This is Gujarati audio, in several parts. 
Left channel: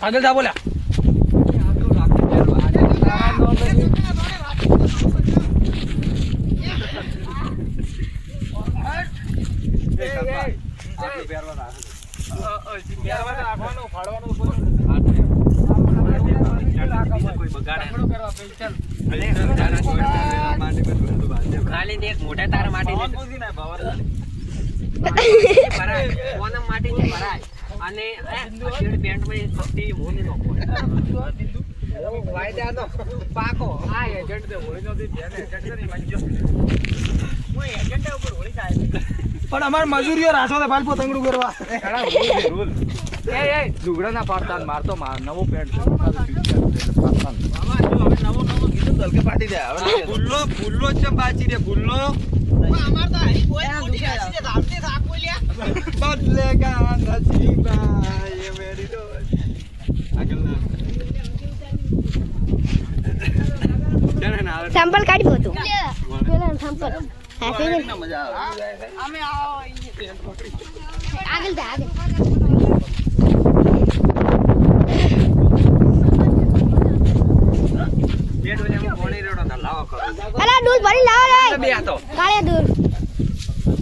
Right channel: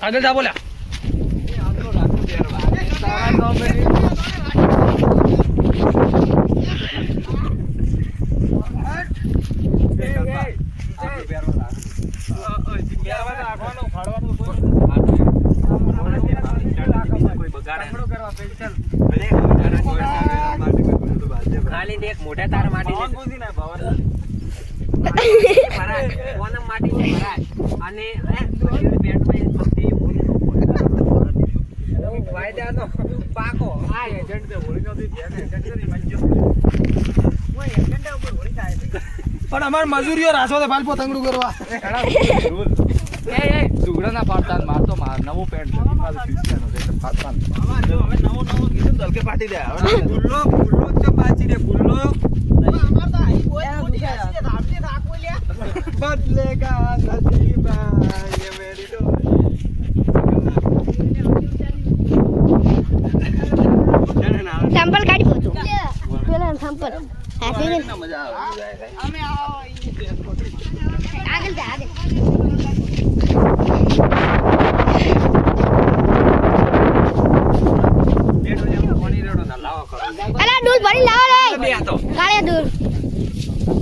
આગળ જા બોલ્યા ખાલી એક મોટા તાર માટી અને પાકો આ એજન્ટ પણ અમાર મજૂરીઓ રાસો છે ભાઈ પતંગડું કરવા દુગડા ના પાડતા મારતો નવો પેન્ટ પાટી દે ગુલ્લો ગુલ્લો ચમ બાચી દે ગુલ્લો અમાર તો આઈ કોઈ મોટી આસી દે ધાવતે થાક બોલ્યા બદલેગા નસીબ ये मेरी डोर સંપલ કાઢી પોતું પેલા સંપલ હાથે મજા આવે અમે આવો આગળ દે આગળ અલા દૂધ ભરી લાવો રે બે હતો કાળે દૂધ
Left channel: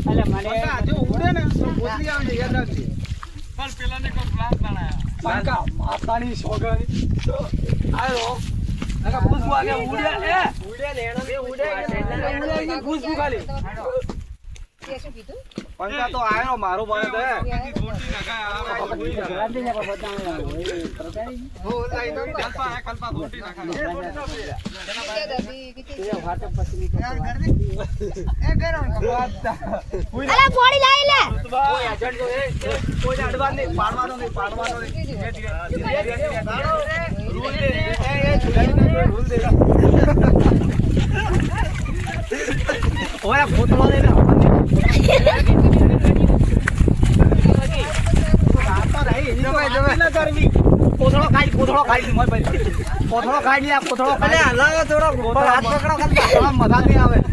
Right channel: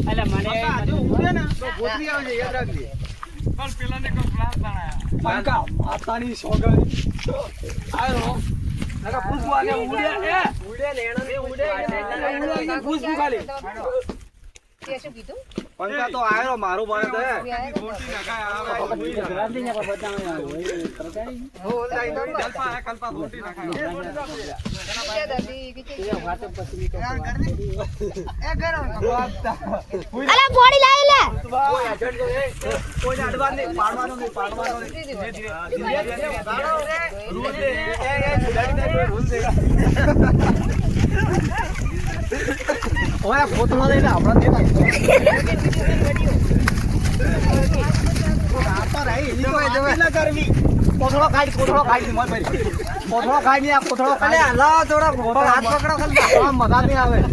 અલા મને જો ઉડે ને તો ગોતરી આવજે યાદ રાખજે પણ પેલાને કો પ્લાન બનાયા આતાની સોગઈ આયો નકા ખુશબુ આગે ઉડે લેણો એ ઉડે ખુશબુ ખાલી કે શું કીધું પંકા તો આયો મારો બને તો થોડી નકા આવે ગાંધી નકા બતાવે હો લાઈ દોડી કલ્પા થોડી નકા અલા બોડી લાઈ લે કોઈ અડવા નહીં પાડવાનો નહીં ધીરે રૂલ દે રૂલ દે ઓય ફોટો લઈ લે આપડા આપા રહી ની તો ના કરવી કોથળો ખાઈ મત ભાઈ કોથળો ખાઈ લે કોથળો ખાઈ હલાવો થોડા હાથ પકડો ખાલી મજા નહીં આવે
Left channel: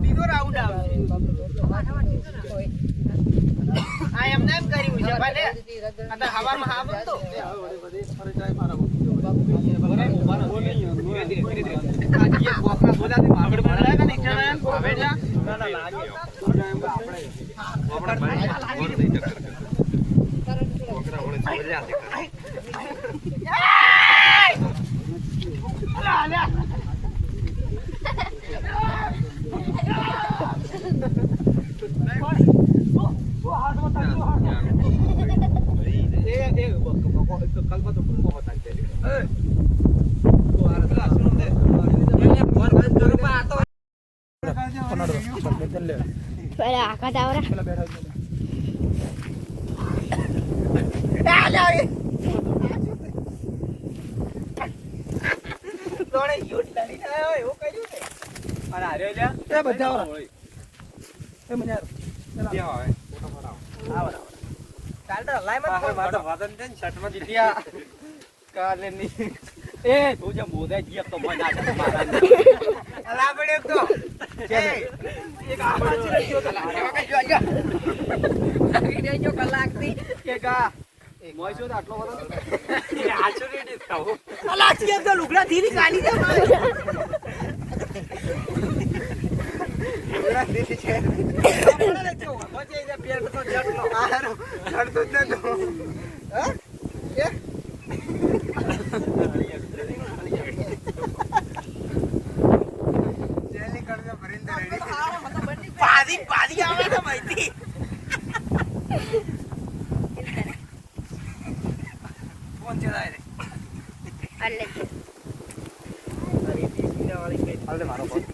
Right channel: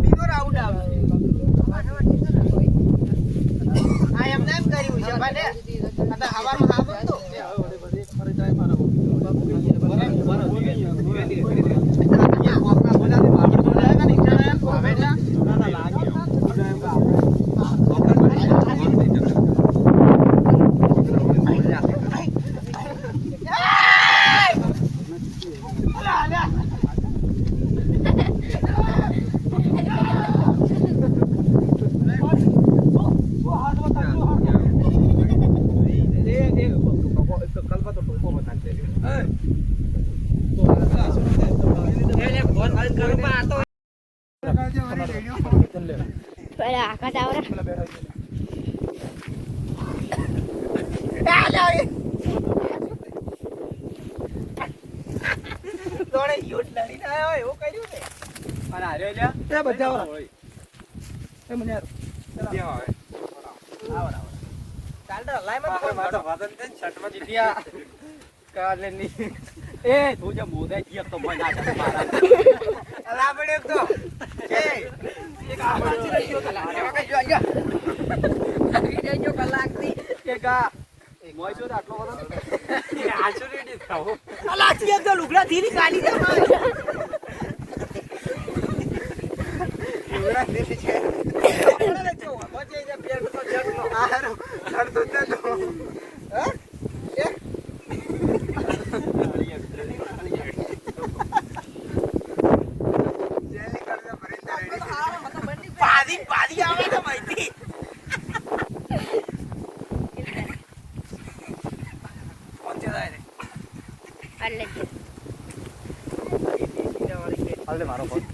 બીજો રાઉન્ડ આવશે આ એમને એમ કર્યું છે ભલે આ હવામાં હા બનતો આખા ટાવર એ તું જે મોદા જીપ તો મને ના મારા અલા પડ્યો તો એક આપણે ચીલ્યો તો લાગે કે જો આયા જો કલાક થી કે કા મોઈસો તો આટલો વરો આછો રેડી ખાઓ અલા કે તો લુગડા થી ની કાલી દે લુગડા થી છે અરે જો બજે જે પેટ તો જગનો આરો ઘર તો જગનો હા કે પાલી આવે ને માહિતી કોણ છે રે અલે હાલે મારો ફોન.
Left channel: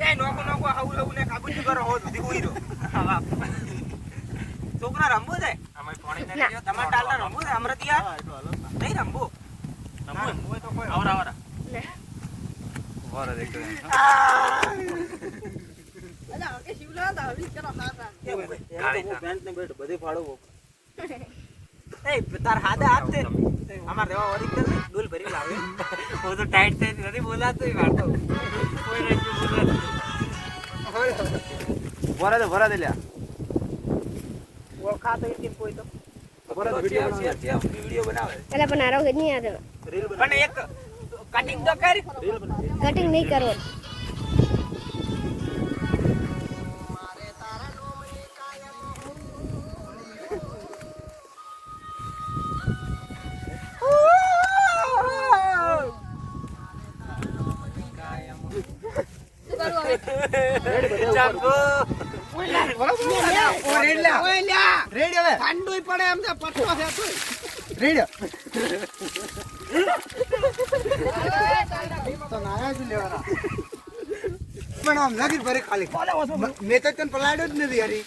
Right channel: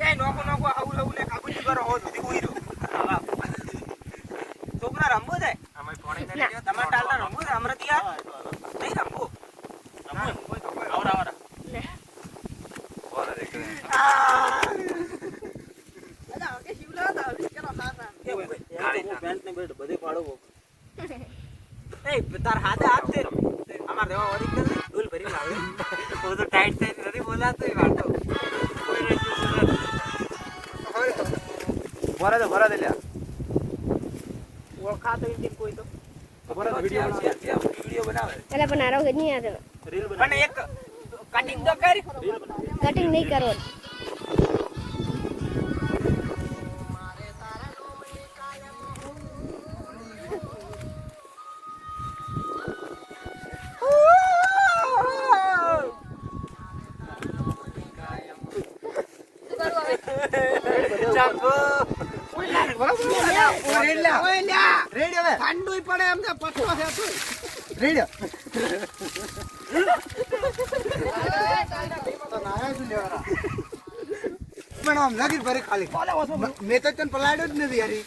એ નોકો આવું લઉં ને કાબુજી કરો હો સુધી કોઈ દો છોકરા રમવો છે તમારા ટાલના રમવો છે અમરતિયા નહીં રમવો આવરા તાર હાથે હાથ છે અમાર રેવા ઓરિજિનલ નહીં ડોલ ભરી લાવે ઓ તો ટાઈટ થઈ નથી બોલાતો એ વાતો ભરા દે લ્યા ઓળખા તો ઈ કોઈ તો વિડિયો બનાવે અલે પણ આરો કે નહીં આતો પણ એક કટિંગ તો કરી કટિંગ નહીં કરવો ચાંગો પણ આમ લાગી ભરે ખાલી મેં તો તને પલાડ્યો જ નથી યારી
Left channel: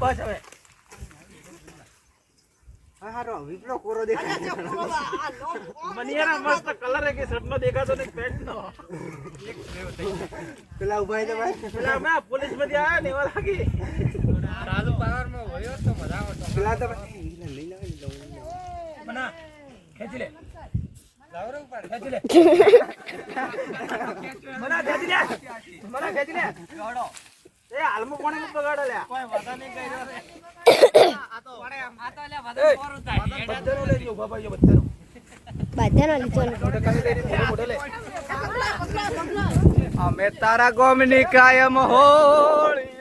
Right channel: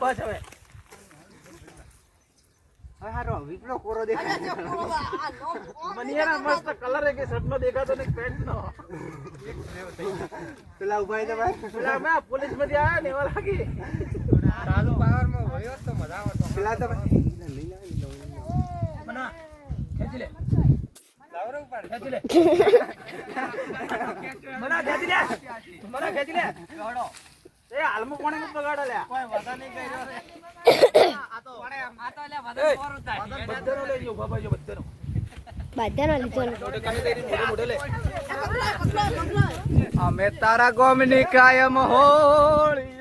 બસ હવે હારો વિપલો કોરો દેખાય મને યાર મસ્ત કલર હે કે શર્ટ નો દેખાતો ને પેન્ટ નો પેલા ઉભાઈ તો ભાઈ પેલા મે પોલીસ માંથી આયા ને એવા લાગી ચાલુ પાવર માં હોયો તો મજા આવતો પેલા તો લઈ લાવ બના ખેંચી લે લાવરો ઉપર ખેંચી લે બના ખેંચી લે જોડો એ હાલમો કોણે બગાડો લે કોઈ વાતા નહીં કર્યો રે આ તો પડે આ તો લે વદન કોર થાય બધાનો લેજો બાબા જો બધાનો લીધો લે અમે તારા ગોમની કાયમ હોળી